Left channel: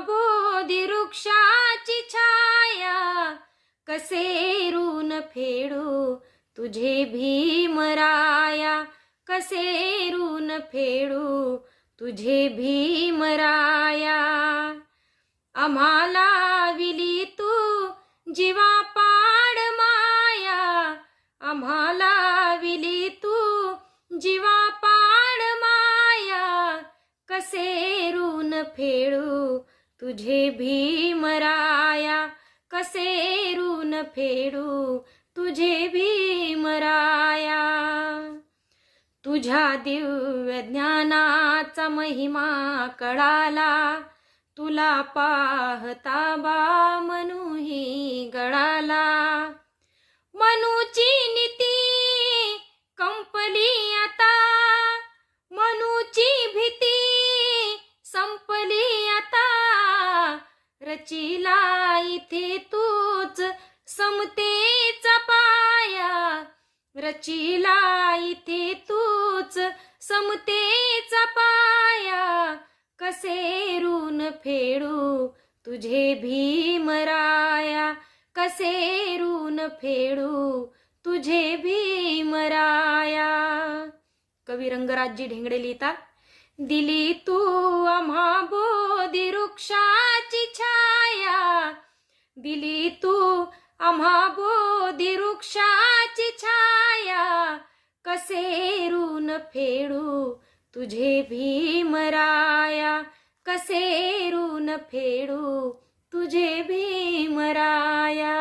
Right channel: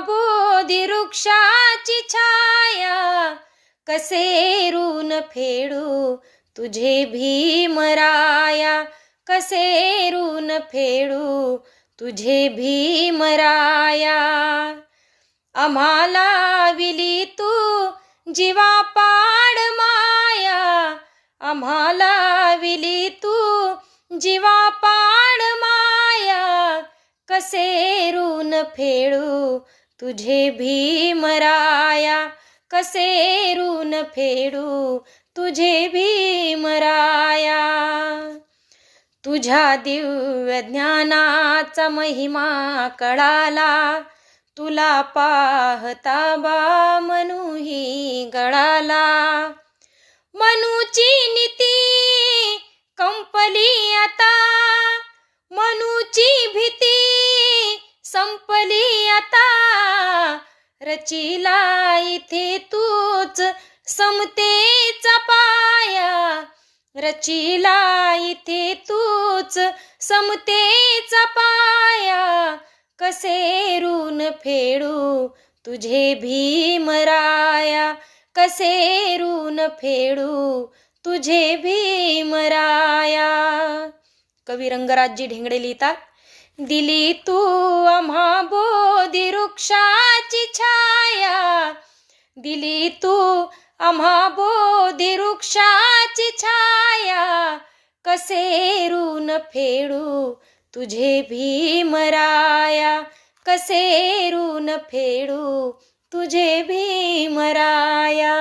बोधी वृक्षाची छाया, कसे ऋण फेडू तुझे भीमराया, कसे ऋण फेडू तुझे भीमराया. आम्हाला विली तू जीवापाड माया, आम्हाला विली तू जीवापाड माया, कसे ऋण फेडू तुझे भीमराया, कसे ऋण फेडू तुझे भीमराया. तुझ्या दिव्य ज्ञानाचा महिमा कळाला, तुला पाहता बा मनूही गळाला. मनूची नीती कंपली आता, मनूची भीती संपली आता, रचिला इथे तूच समतेचा पाया, रचिला इथे तूच समतेचा पाया, कसे ऋण फेडू तुझे भीमराया, कसे ऋण फेडू तुझे भीमराया. कवी रंगराजजी ढेंगडे लिहितात, दिली तू आम्हा बोधी वृक्षाची छाया, दिली तू आम्हा बोधी वृक्षाची छाया, कसे ऋण फेडू तुझे भीमराया, कसे ऋण फेडू तुझे भीमराया.